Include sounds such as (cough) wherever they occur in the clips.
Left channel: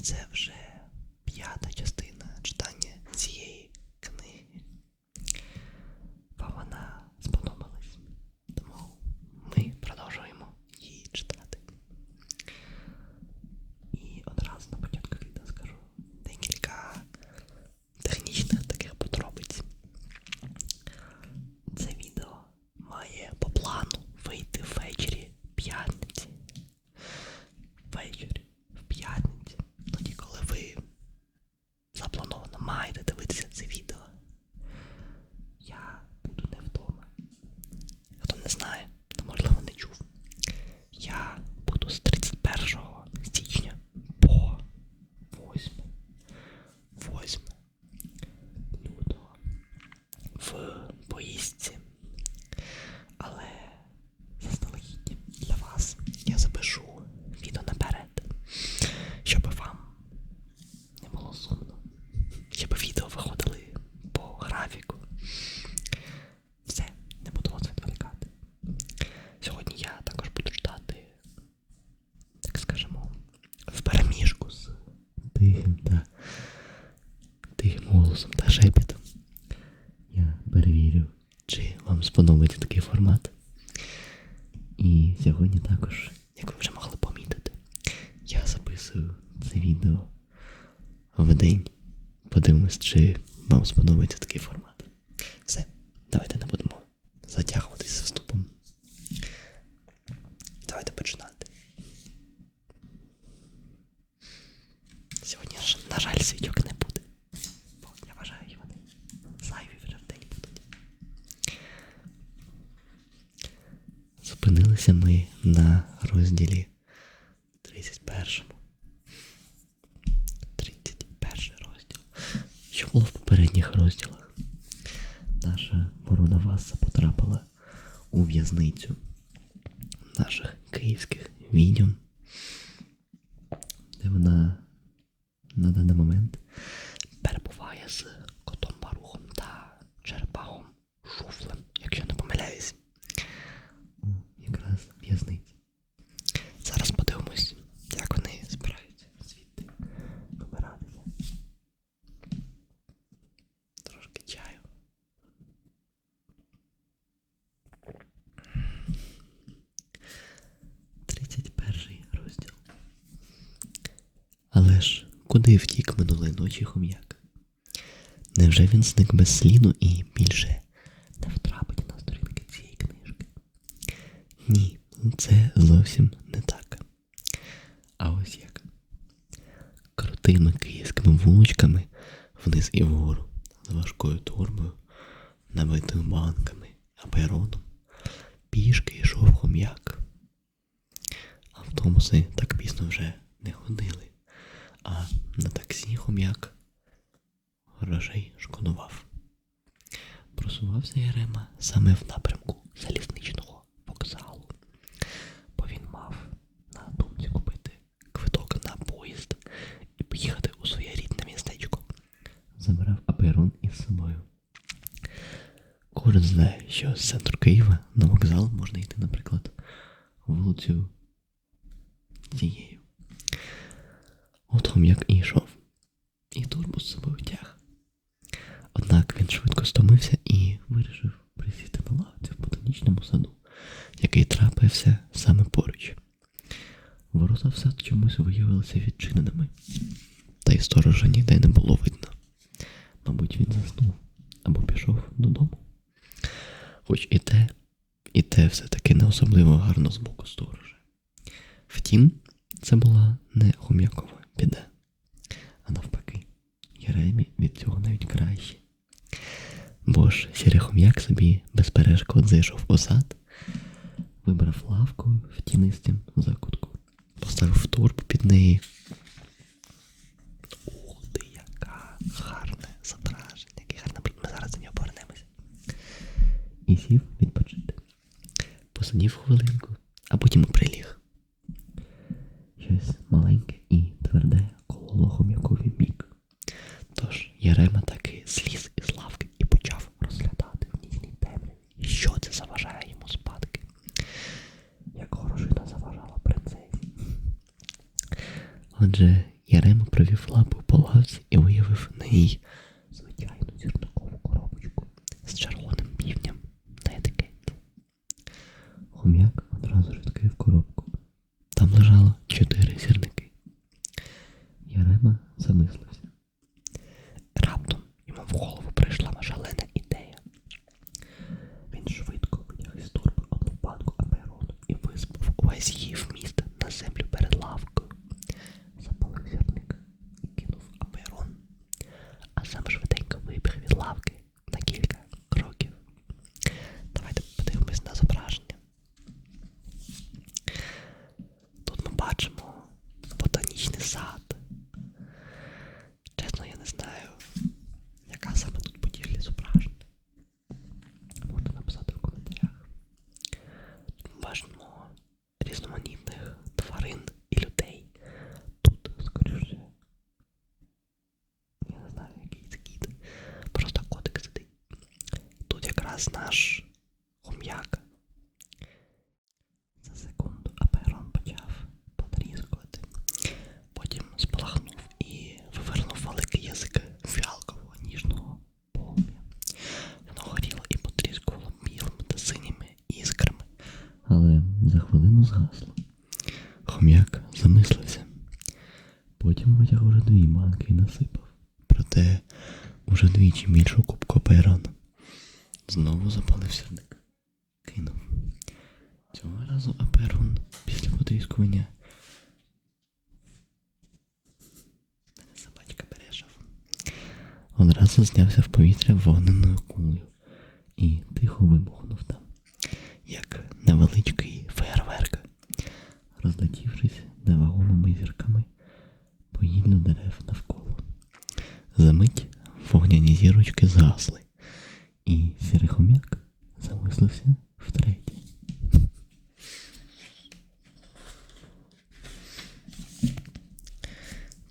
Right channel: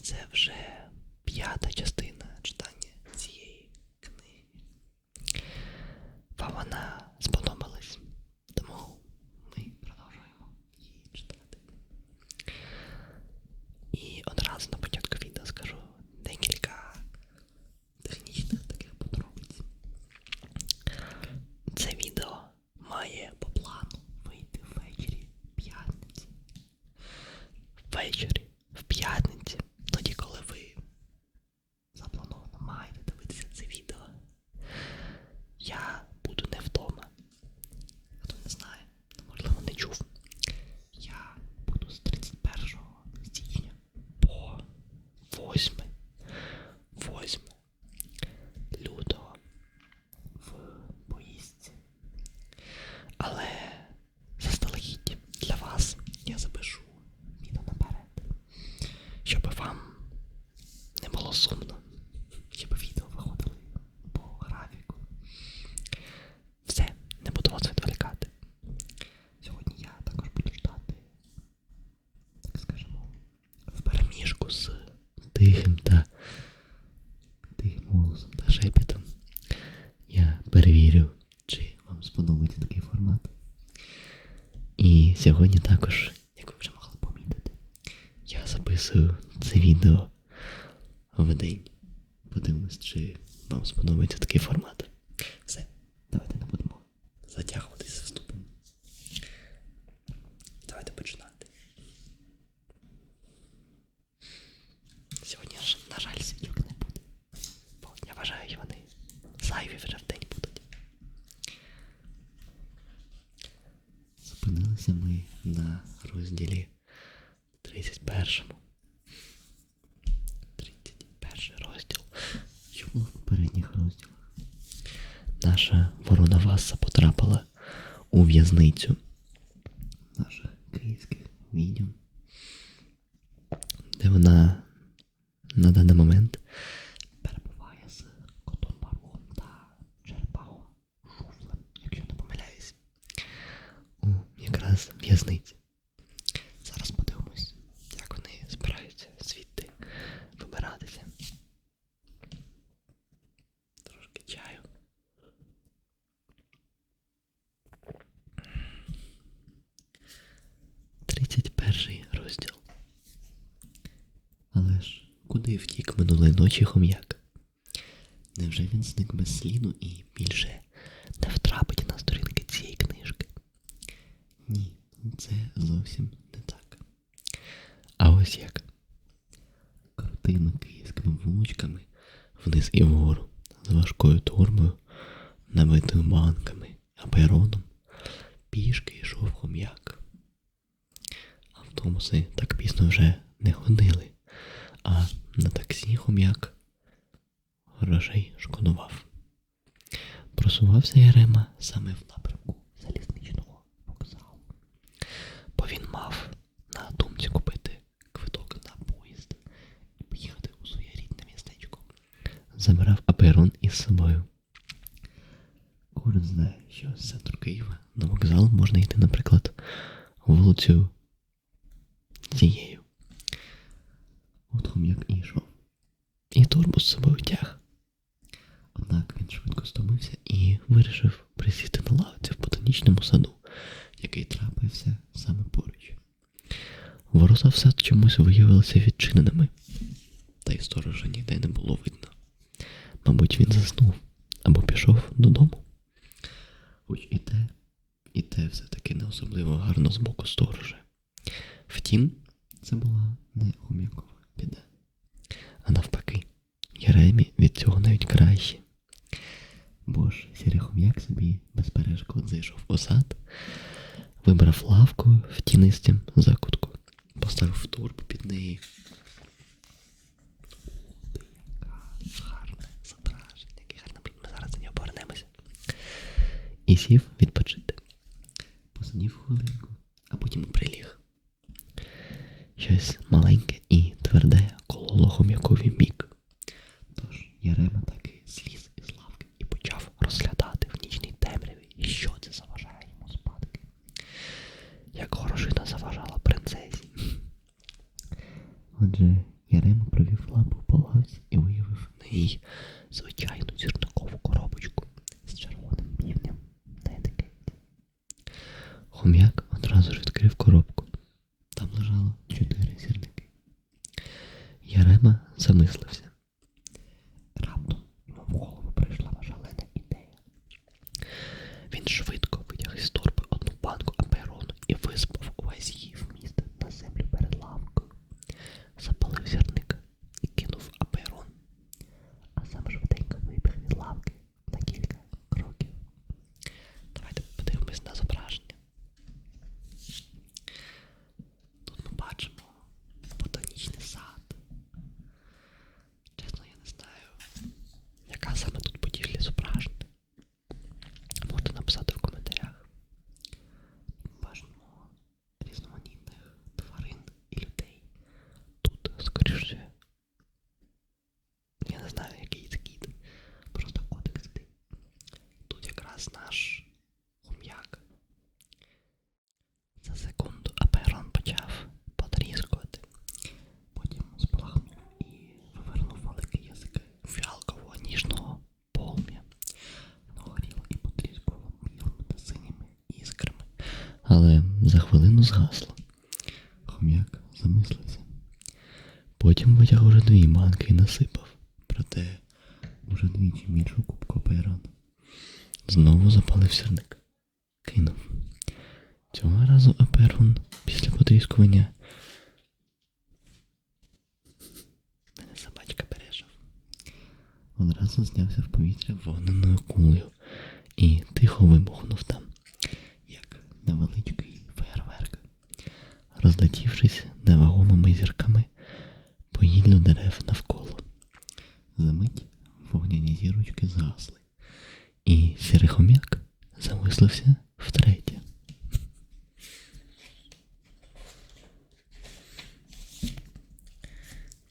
це вже. Чи такий формат. І сьогодні також, як ви вже могли помітити, я записую це відео в день. Подивимось, чи вам сподобається такий формат. Все, давайте не будемо затягуватись з вступом. Давайте починати. Сьогодні, ж, на жаль, свічок не буде. Бо я вважаю, вони зайві вже в день будуть. Зупинилися ми на розділі 31. 31 розділ. Що було в попередніх розділах? Наша ворона Васа потрапила у в'язницю наших київських відьом, де вона на даний момент перебуває з котом Барухом та черепахом Шуфлем, якщо не помиляюсь, у якраз в'язниці. Зараз подивимось, як вони збираються звідти вибиратися. Трошки чаю. Тридцять перший розділ. Але ж куди втік минулої ночі хом'як? Невже він зник без сліду і більше не втрапить на сторінки цієї книжки? Ні, це зовсім не так. А ось як. Крутими київськими вуличками вниз і вгору, з важкою турбою, набитою банками, апероном, пішки йшов хом'як. Автобуси так пізно вже не ходили, а на таксі хом'як грошей шкодував. Просувався Ярема саме в напрямку залізничного вокзалу, бо він мав на думці купити квиток на поїзд і поїхати у своє рідне містечко. Забирав аперон із собою. Кожен знає, що з центру Києва на вокзал можна йти, наприклад, вулицю цією. От хом'як і йшов. І турбу з собою тяг. Однак він швидко стомився і вирішив присісти на лавці в ботанічному саду, який трапився саме поруч. Ворота в сад чомусь виявилися відчиненими, та й сторожа ніде не було видно. Мабуть, він заснув або пішов додому. Хоч і те, і те все-таки не особливо гарно з боку сторожа. Втім, це була не хом'якова біда, а навпаки, Єремі від цього навіть краще. Бо ж сірий хом'як собі без перешкод зайшов у сад, вибрав лавку в тінистім закутку, поставив турбу під неї. Ух ти, яка гарне зображення, який гарний. Ми зараз до нього повернемося. І сів відпочити. Посидів хвилинку, а потім приліг. Щось маленьке тверде кололо хом'якові бік. Тож Єрема таки зліз із лавки і почав розглядати в нічній темряві, що це заважає йому спадки. Як горошина заважала принцесі. Отже, Ярема провів лапу по лавці і виявив на ній звичайну зірникову коробочку з червоним півням на етикетці. Хом'як одразу ж відкрив коробку. Там лежало чотири зірники. Ярема замислився. Раптом йому в голову прийшла шалена ідея. Він швидко витяг із торби одну банку аперону і висипав увесь її вміст на землю перед лавкою. Запалив зірник і кинув аперон, а сам швиденько вибіг від лавки на кілька кроків. Давайте подивимось на зображення. Нас наш хом'як. За секунду Аперон почав потріскувати, потім спалахнув і вивернув великий язик фіалкового ніжного полум'я. Воно горіло і потріскувало білими та синіми іскрами, але за хвилину згасло. Хом'як замислився. Потім витяг уже дві банки і насипав, проте уже двічі більшу кубку Аперона. Знову запалив сірник. Кинув. Цього разу Аперон після потріскування. Мене собачка пережив. Одразу знявся в повітря вогненою кулею і тихо вибухнув там, як невеличкий фейерверк, розлетівшись невагомими зірками по гіллю дерев навколо. Замить вогняні зірочки згасли, і сірий хом'як замислився втретє.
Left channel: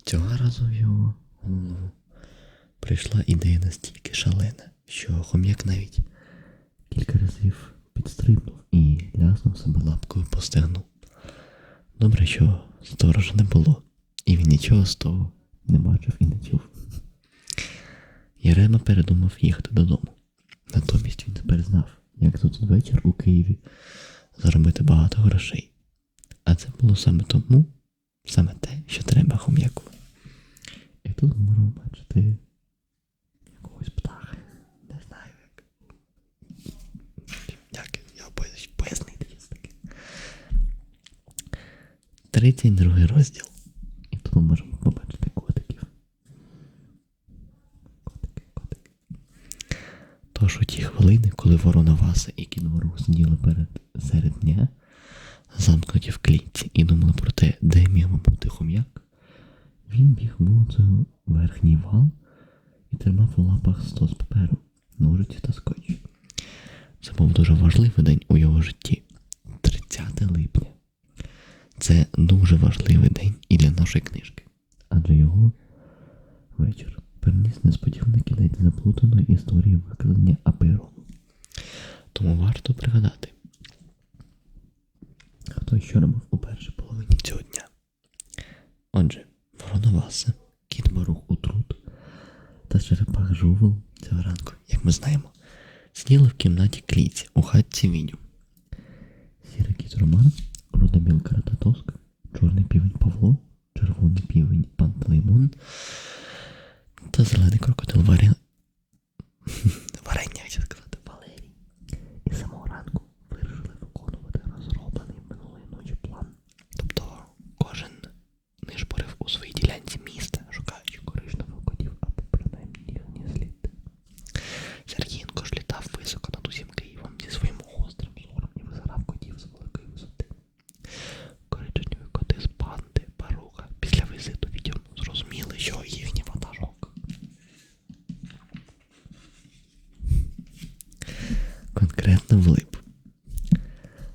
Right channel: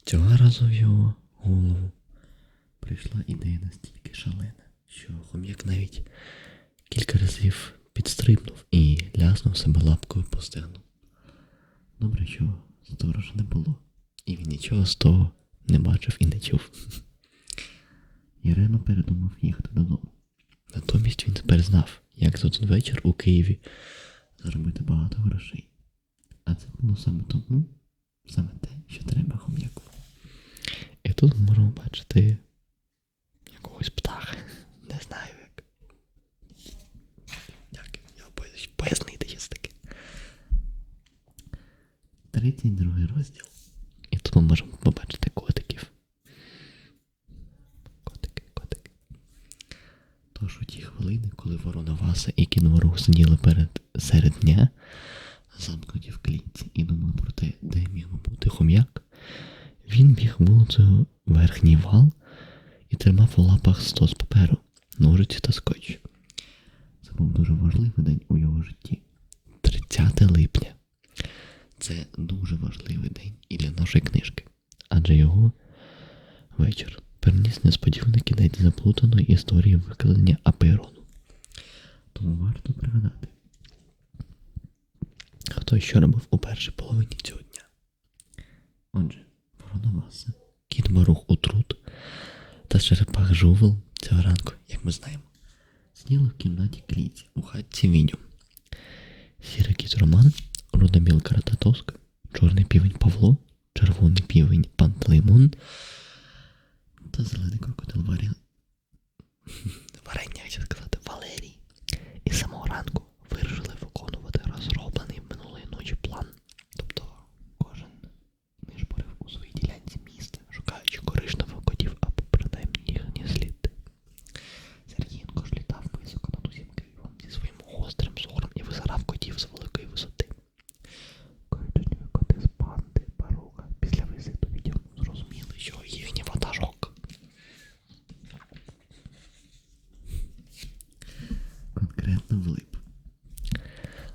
Цього разу в його голову прийшла ідея настільки шалена, що хом'як навіть кілька разів підстрибнув і ляснув себе лапкою по стегну. Добре, що сторожа не було, і він нічого з того не бачив і не чув. Єрема передумав їхати додому. Натомість він тепер знав, як один вечір у Києві заробити багато грошей. А це було саме тому, саме те, що треба хом'яку. І тут ми можемо бачити якогось птаха. Не знаю як. Як я пояснити щось таке. 32 розділ. І тут ми можемо побачити хвилини, коли ворона Васа і кінворух сиділи перед серед дня, замкнуті в клітці і думали про те, де міг би бути хом'як, він біг вулицею верхній вал і тримав у лапах стос паперу, ножиці та скотч. Це був дуже важливий день у його житті 30 липня. Це дуже важливий день і для нашої книжки, адже його вечір переніс несподіваний кінець заплутаної історії викладення Аперону. Тому варто пригадати, хто що робив у першій половині цього дня. Отже, Воронаваса, кіт Барух Утрут та черепах Жувел цього ранку, як ми знаємо, сиділи в кімнаті кліці у хатці Відю. Сірий кіт Роман, руда білка Рататоска, чорний півень Павло, червоний півень Пантелеймон та зелений крокодил Варя... (laughs) Варення, хотів Конкретно влип.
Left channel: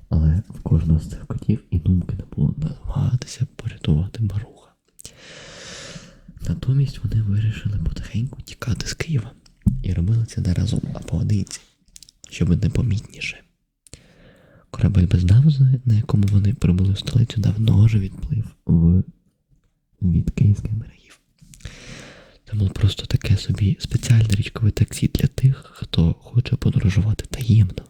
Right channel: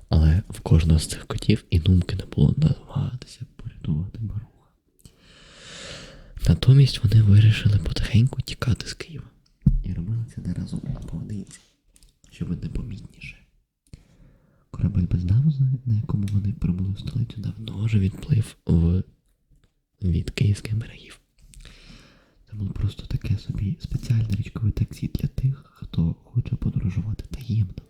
Але в кожного з цих котів і думки не було намагатися порятувати баруха. Натомість вони вирішили потихеньку тікати з Києва і робили це не разом, а поодинці, щоб непомітніше. Корабель без назви, на якому вони прибули в столицю, давно вже відплив в... від київських берегів. Було просто таке собі спеціальне річкове таксі для тих, хто хоче подорожувати таємно.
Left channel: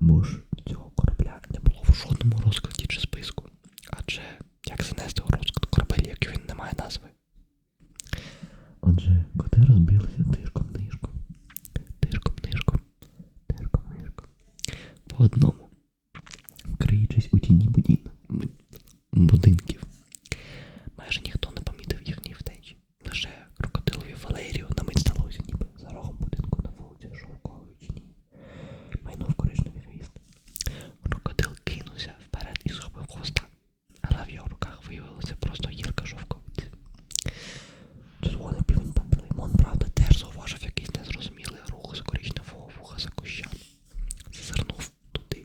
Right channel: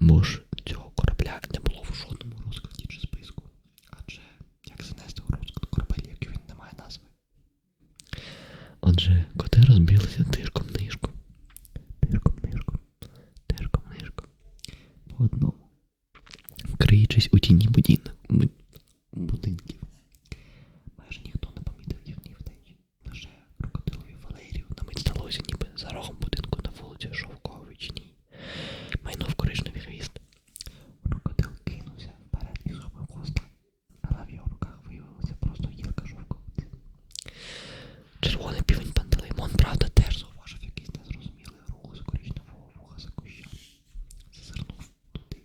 Бо ж цього корабля не було в жодному розкладі чи списку. Адже як занести у розклад корабель, як він не має назви. Отже, коти розбілися тишком нишком, тишком нишком, тишком нишком. По одному, криючись у тіні будін- бу- будинків. Майже ніхто не помітив їхньої втечі. Лише крокодилові Валерію на мить здалося, ніби за рогом будинку на вулиці Шовковичній. Майнув коричневий хвіст. Крокодил кинувся вперед і схопив хвоста, але в його руках виявилася просто гілка шовковиці. Червоний півень Пантелеймон, правда, теж зауважив якийсь незрозумілий рух з коричневого вуха за кущами. Зазирнув туди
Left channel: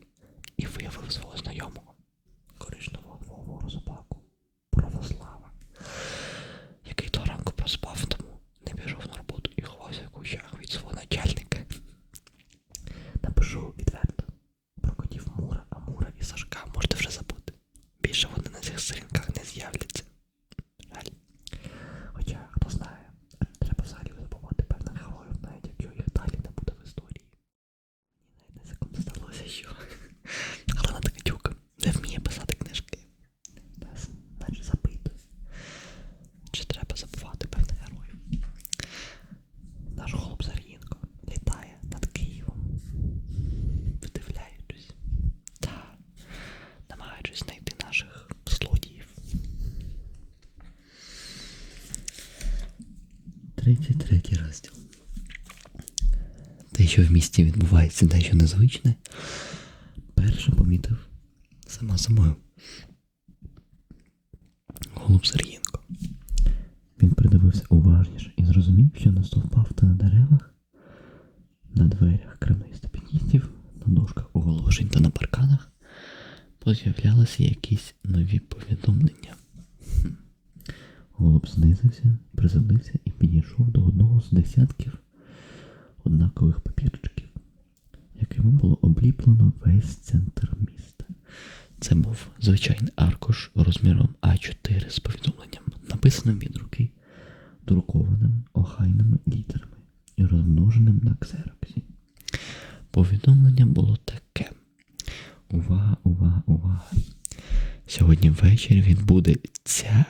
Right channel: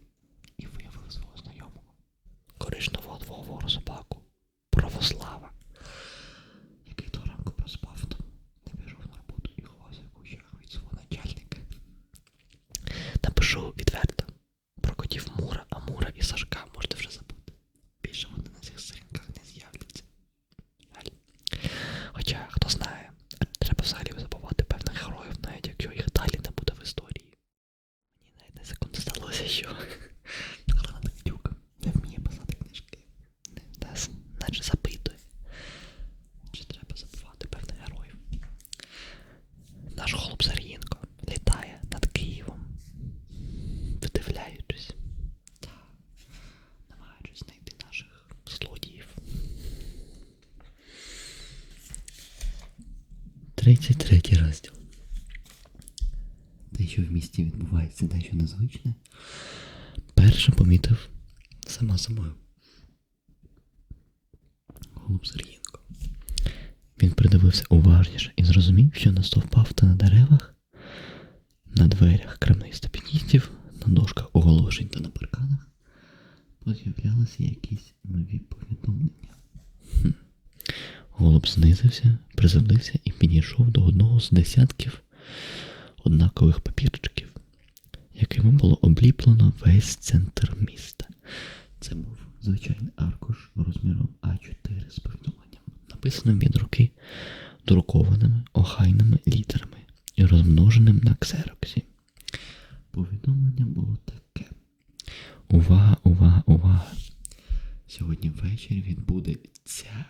33 розділ. Те, що в місті відбувається дещо незвичне, перше помітив сама собою. Голуб Сергієнко. Він придивився уважніше і зрозумів, що на стовпах та на деревах, на дверях крамних степеністів, на дошках оголошень та на парканах поз'являлися якісь нові повідомлення. Хм. Голуб знизився, приземлився і підійшов до одного з десятків однакових папірчиків, якими було обліплено весь центр міста. Це був звичайний аркуш розміром А4 з повідомленням, написаним від руки друкованими охайними літерами і розмноженим на ксероксі. Повідомлення було таке. Увага, увага, увага! Сьогодні ввечері відбудеться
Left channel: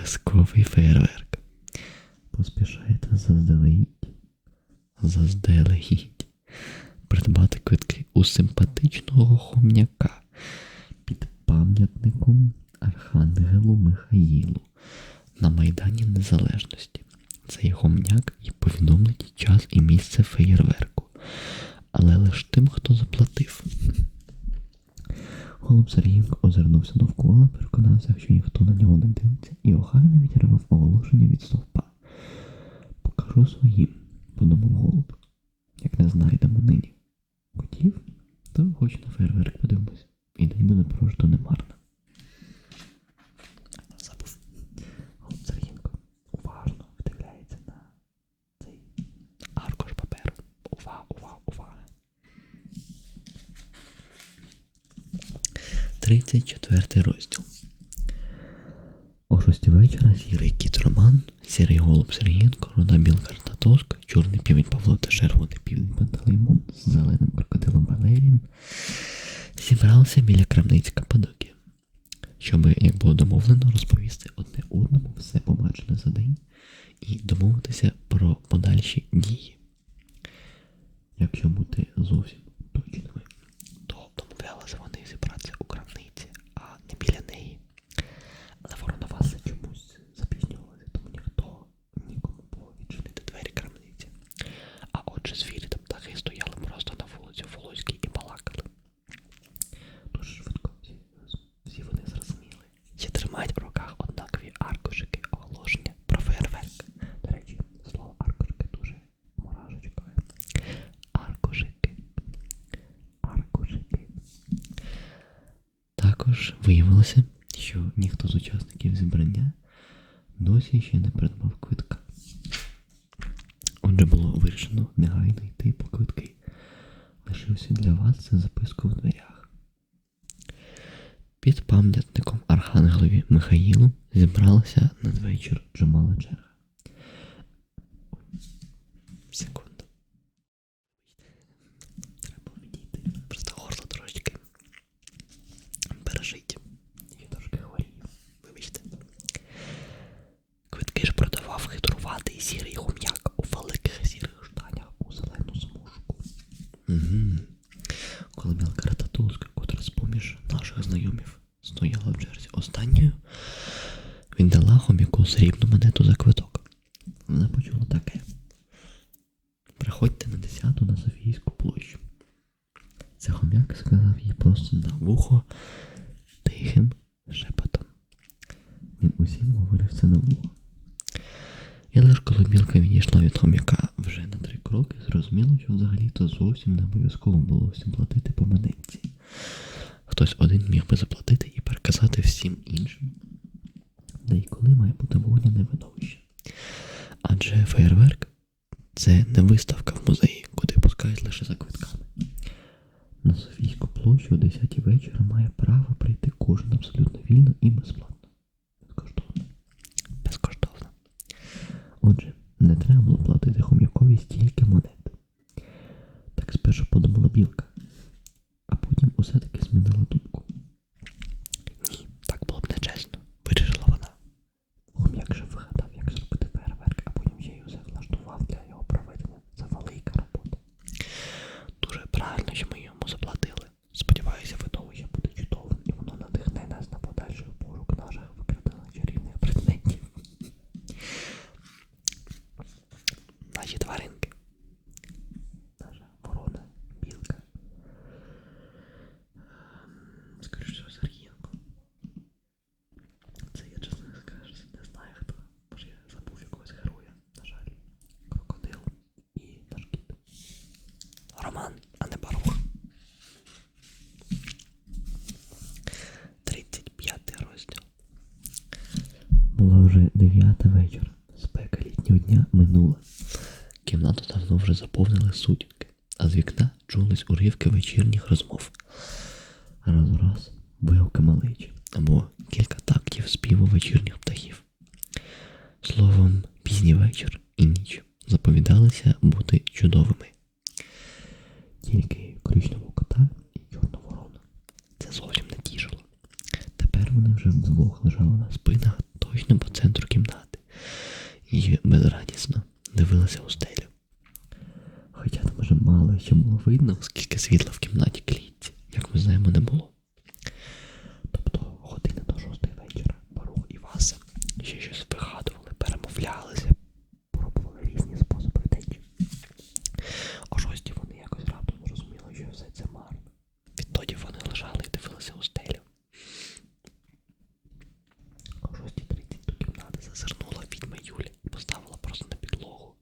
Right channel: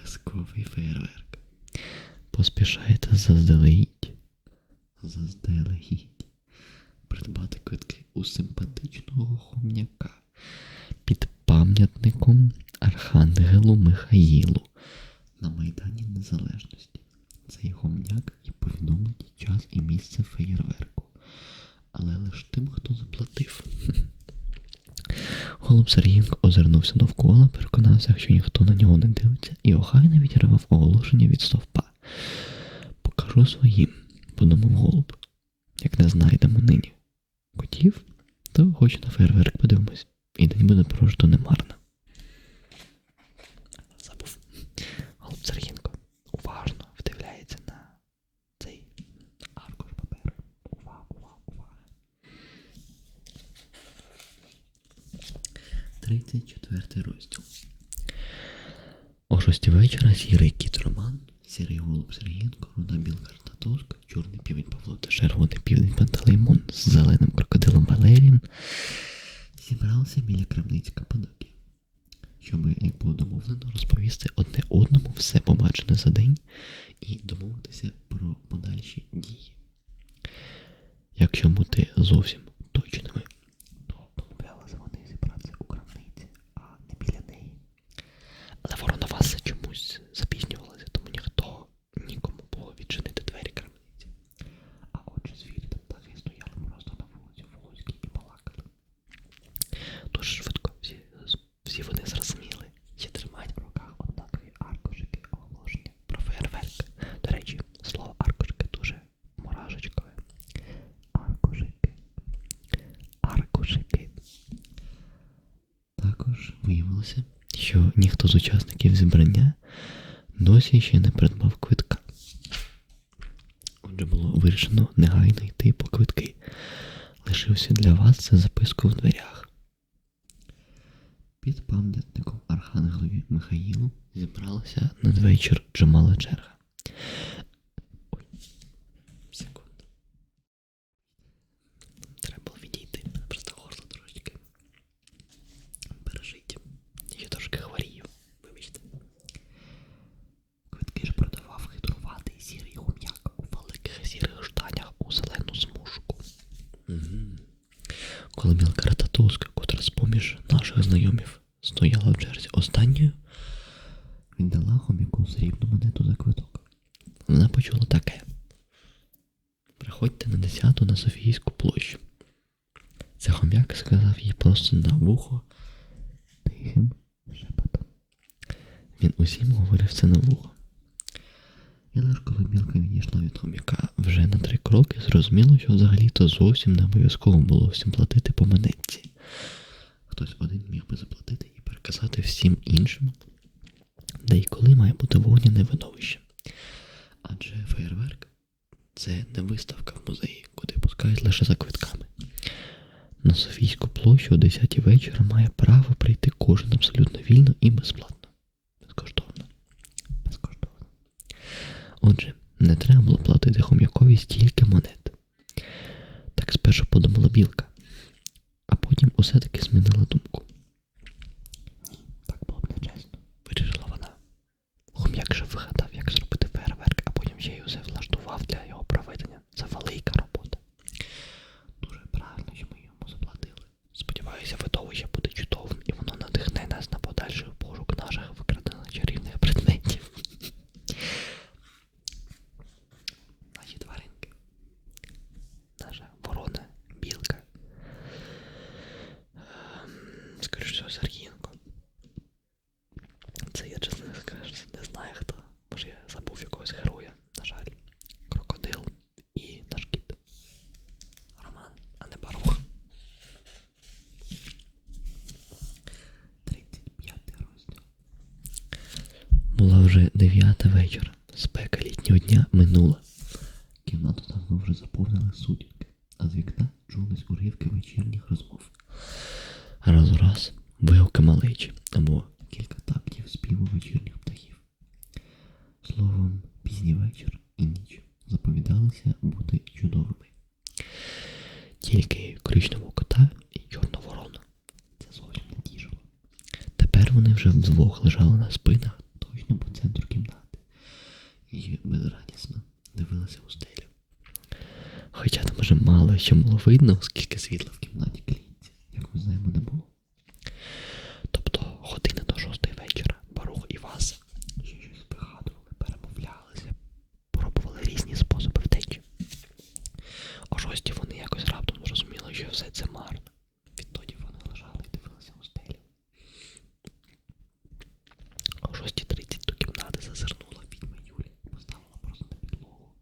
казковий фейерверк. Поспішайте заздалегідь. Заздалегідь. Придбати квитки у симпатичного хом'яка під пам'ятником Архангелу Михаїлу на Майдані Незалежності. Цей хом'як і повідомить час і місце феєрверку. Але лише тим, хто заплатив. Голуб Сергієнко озирнувся довкола, переконався, що ніхто на нього не дивиться, і охайно відірвав оголошення від стовпа. Покажу своїм, подумав голуб. Як не знайдемо нині котів, то хоч на фейерверк подивимось, і день буде просто немарно. Забув. Голуб Сергієнко уважно вдивляється на цей аркуш паперу. Увага, увага, увага. 34 розділ. О шостій вечора сірий кіт Роман, сірий голуб Сергієнко, руда білка Татоска, чорний півень Павло та червоний півень Пантелеймон з зеленим крокодилом Валерієм зібралися біля крамниці Каппадокії, щоб, як було домовлено, розповісти одне одному все побачене за день і домовитися про подальші дії. Якщо бути зовсім точними, то домовлялися вони зібратися у крамниці, а не біля неї. Але Вороноваси чомусь запізнювалися, тому ніхто нікому було відчинити двері крамниці. А отже, звірі та птахи стояли просто на вулиці Волоській і балакали. Дуже швидко всі, всі вони зрозуміли, що тримають в руках однакові аркушики оголошення про фейерверк. До речі, слово аркушики дуже мурашечкове. Аркушики. Аркушики. Також виявилося, що ніхто з учасників зібрання досі ще не придбав квитка. Отже, було вирішено негайно йти по квитки. Лишився для вас це записку в дверях. Під пам'ятником Архангелові Михаїлу зібралася надвечір чимала черга. Ой, секунду. Треба було відійти. Просто горло трошечки. Пережить. Я трошки хворію. Вибачте. Квитки ж продавав хитруватий сірий хум'як у великих сірих штанях у зелену смужку. Угу. Коли мілка рататуска, котра з-поміж наших знайомів стояла в черзі останньою, віддала хом'яку срібну монету за квиток. Вона почула таке. Приходьте на 10 на Софійську площу. Це хом'як сказав їй просто на вухо тихим шепотом. Він усім говорив це на вухо. І лише коли білка відійшла від хом'яка вже на три кроки, зрозуміло, що взагалі-то зовсім не обов'язково було всім платити по монетці. Хтось один міг би заплатити і переказати всім іншим, де і коли має бути вогняне видовище. Адже фейерверк це не виставка в музеї, куди пускають лише за квитками. На Софійську площу о 10 вечора має право прийти кожен абсолютно вільно і безплатно. Безкоштовно. Безкоштовно. Отже, не треба було платити хом'якові стільки монет. Так спершу подумала білка, а потім усе-таки змінила думку. це я чесно скажу, не знаю хто. Може я забув якогось героя, на жаль. Крокодил і наш кіт. Роман, а не Барух. 35 розділ. Була вже 9 вечора. Спека літнього дня минула. Кімнату давно вже заповнили сутінки, а з вікна чулись уривки вечірніх розмов. Раз у раз вигуки маличі або кілька так співу вечірніх птахів. Словом, пізній вечір і ніч заповідалися бути чудовими. Тільки коричневого кота і чорну ворону. Це зовсім не тішило. Тепер вони вже вдвох лежали на спинах точно по центру кімнати і безрадісно дивилися у стелю. Хоча там вже мало що було видно, оскільки світла в кімнаті клітці, як ми знаємо, не було. Тобто година до шостої вечора Барух і Васа ще щось вигадували, перемовлялися, пробували різні способи втечі. О шостій вони якось раптом зрозуміли, що все це марно. Відтоді вони лежали і дивилися у стелю. О 6.30 до кімнати зазирнула відьма Юля і поставила просто на підлогу.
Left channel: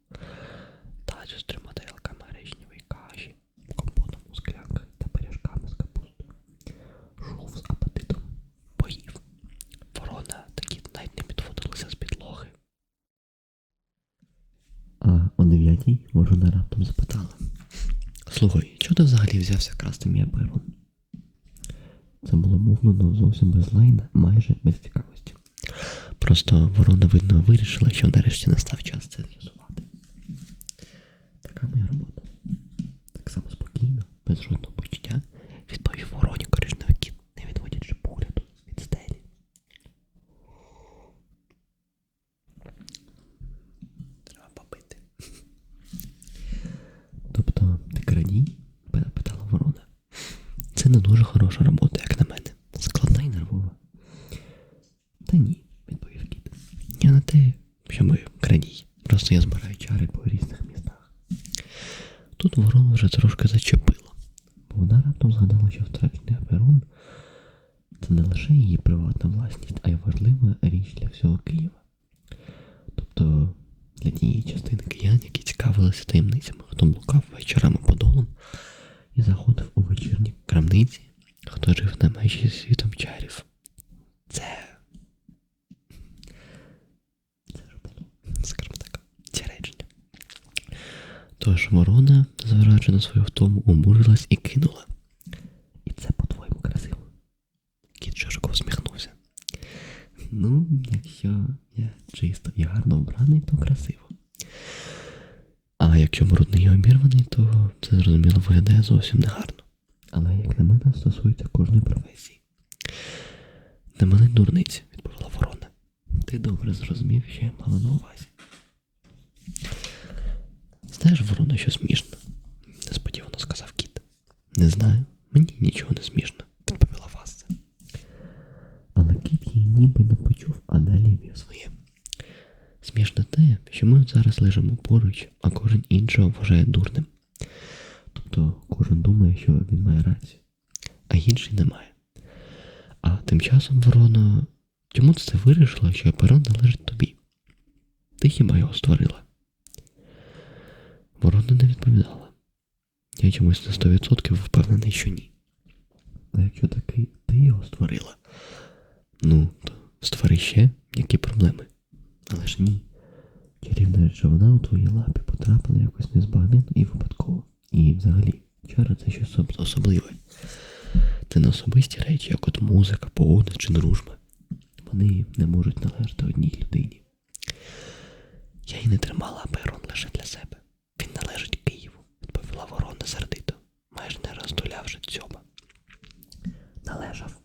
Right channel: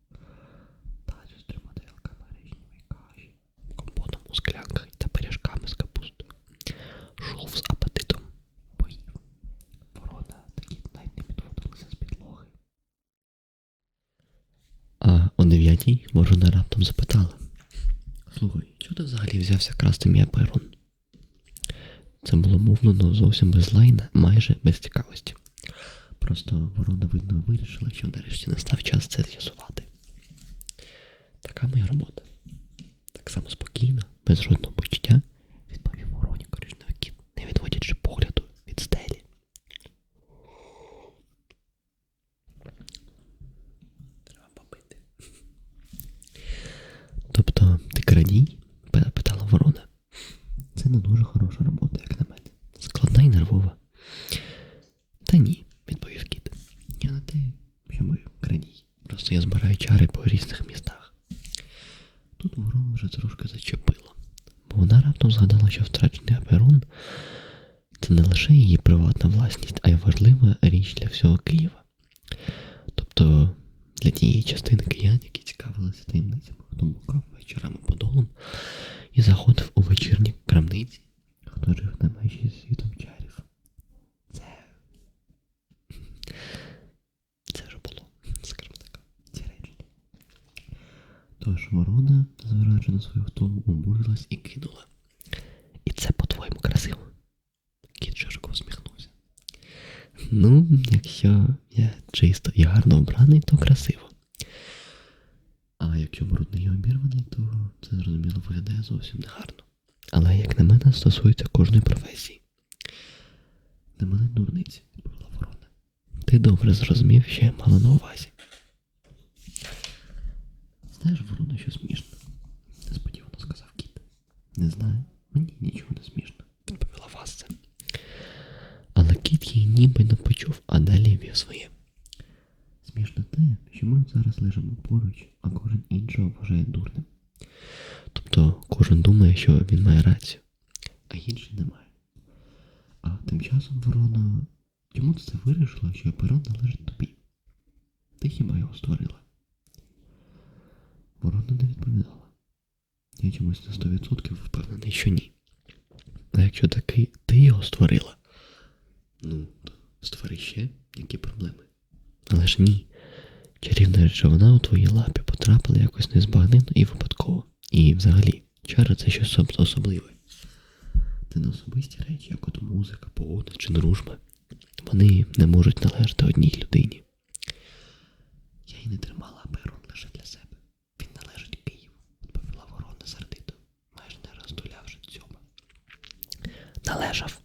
Тацю з трьома тарілками гречневої каші, компотом у склянках та пиріжками з капустою. Шов з апетитом поїв. Ворона такі навіть не підводилися з підлоги. А о дев'ятій ворона раптом запитала. Слухай, чого ти взагалі взявся красти мій перун? Це було мовлено зовсім без лайна, майже без цікавості. Просто ворона, видно, вирішила, що нарешті настав час це з'ясувати. Така моя робота. Так само спокійно, без жодного почуття, відповів вороні коричневий кіт, не відводячи погляду від стелі. Треба побити. Тобто, ти крадій? питала ворона. Це не дуже хороша робота, як на мене. Складна і нервова. Та ні, відповів кіт. Я не те, щоб крадій. Просто я збираю чари по різних містах. Тут ворона вже трошки зачепила, бо вона раптом згадала, що втрачений аперон це не лише її приватна власність, а й важлива річ для всього Києва. Тобто для тієї частини киян, які цікавилися таємницями, хто блукав вечорами по долам і заходив у вечірні крамниці, хто жив на межі світом чарів. Це. Це вже було, скажімо так, ці речення. Тож ворона, зважаючи на свою втому, обурилась і кинула. І це по-твоєму красиво. Кіт широко всміхнувся. Ну, якщо я чисто і гарно обраний, то красиво. А якщо брудний і обірваний, то це зрозуміло виглядає зовсім негарно. Але, як на мене, стосується кожної професії. Не мене дурниці, відповіла ворона. Ти добре зрозумів, що я мала на увазі. Знаєш, ворона, що смішно? несподівано сказав кіт. Не знаю, мені нічого не смішно, відповіла Васця. Але кіт її ніби не почув, а далі вів своє. Смішно те, що ми зараз лежимо поруч, а кожен іншого вважає дурним. Тобто кожен думає, що він має рацію, а інший не має. А тим часом ворона, чому це вирішила, що перон належить тобі? Ти хіба його створила? Ворона не відповідала. Я чомусь на 100% впевнений, що ні. А якщо таки ти його створила, ну, то створи ще, які проблеми. Але ж ні. Чарівна речовина у твоїй лапі потрапила якось незбагненно і випадково. І взагалі, чара це щось особливе. Це не особисті речі, як от музика, погода чи дружба. Вони не можуть належати одній людині. Я й не тримала перон лише для себе. Він належить Києву, відповіла ворона сердито, майже не роздулявши дзьоба. Належав,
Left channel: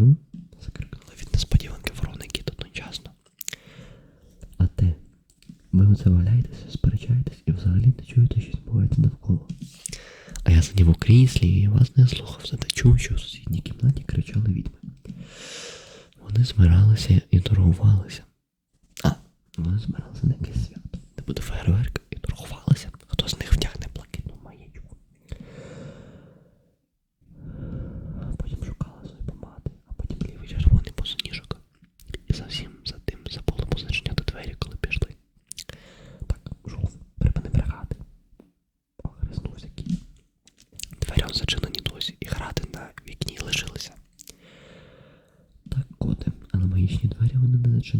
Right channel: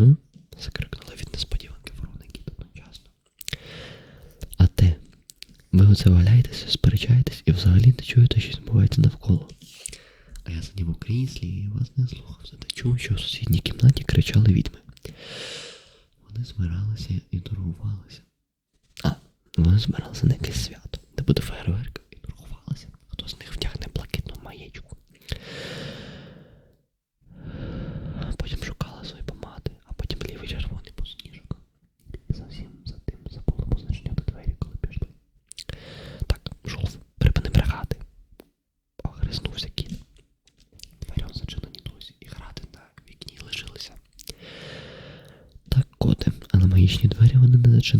М? Скрикнули від несподіванки ворони кіт одночасно. А те, ви оце валяєтеся, сперечаєтесь і взагалі не чуєте, що відбувається навколо. А я сидів у кріслі і вас не слухався та чув, що в сусідній кімнаті кричали відьми. Вони збиралися і торгувалися. А, вони збиралися на якесь свято, де буде фейерверк.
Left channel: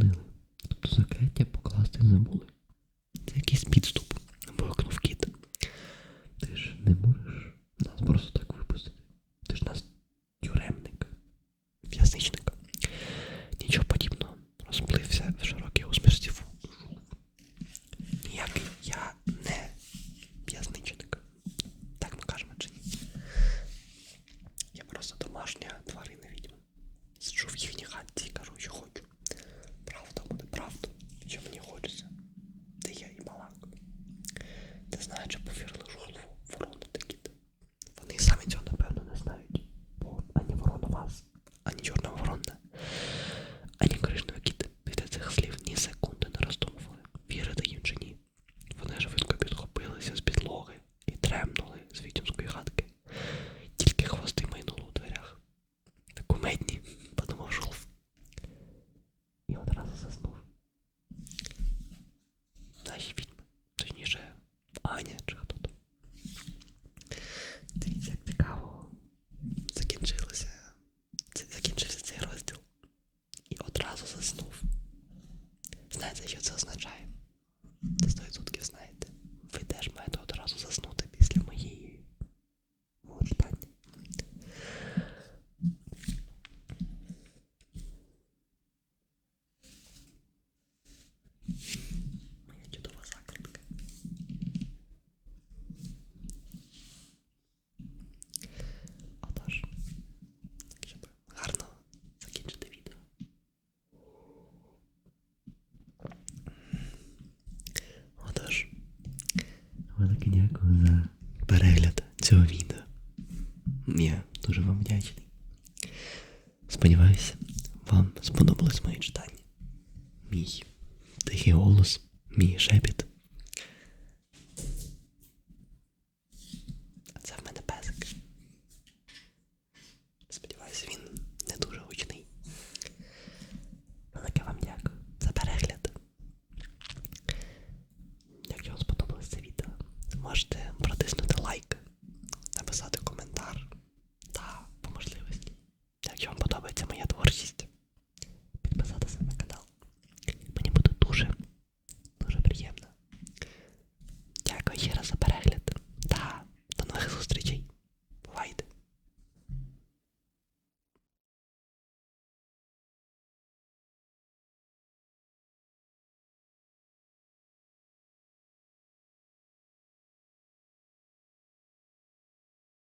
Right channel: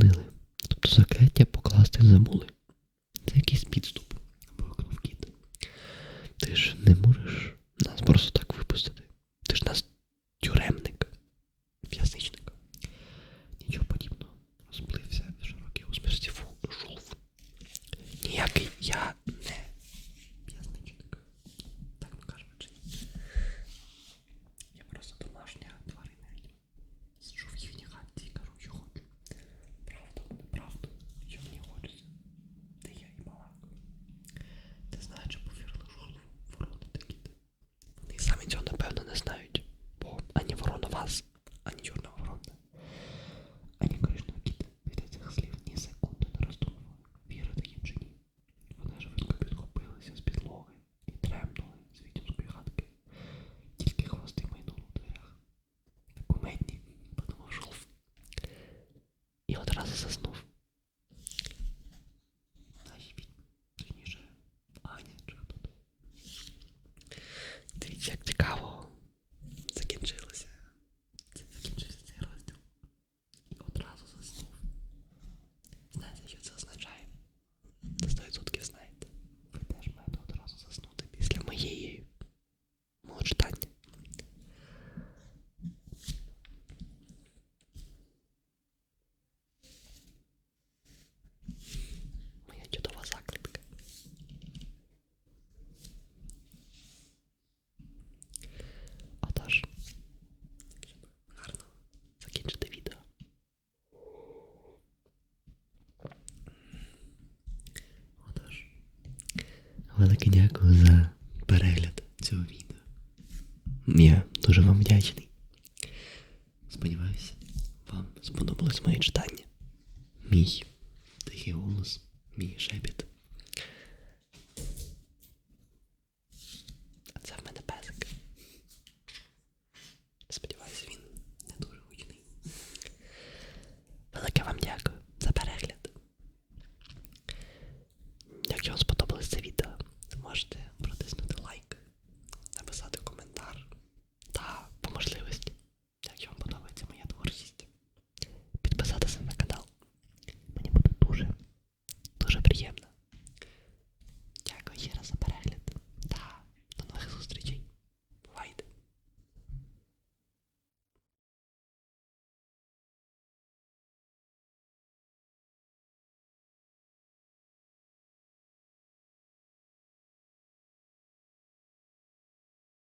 Lily. Я дуже вам вдячний. Сподіваюся, вам сподобалось моє читання. Мій тихий голос, мій шепіт.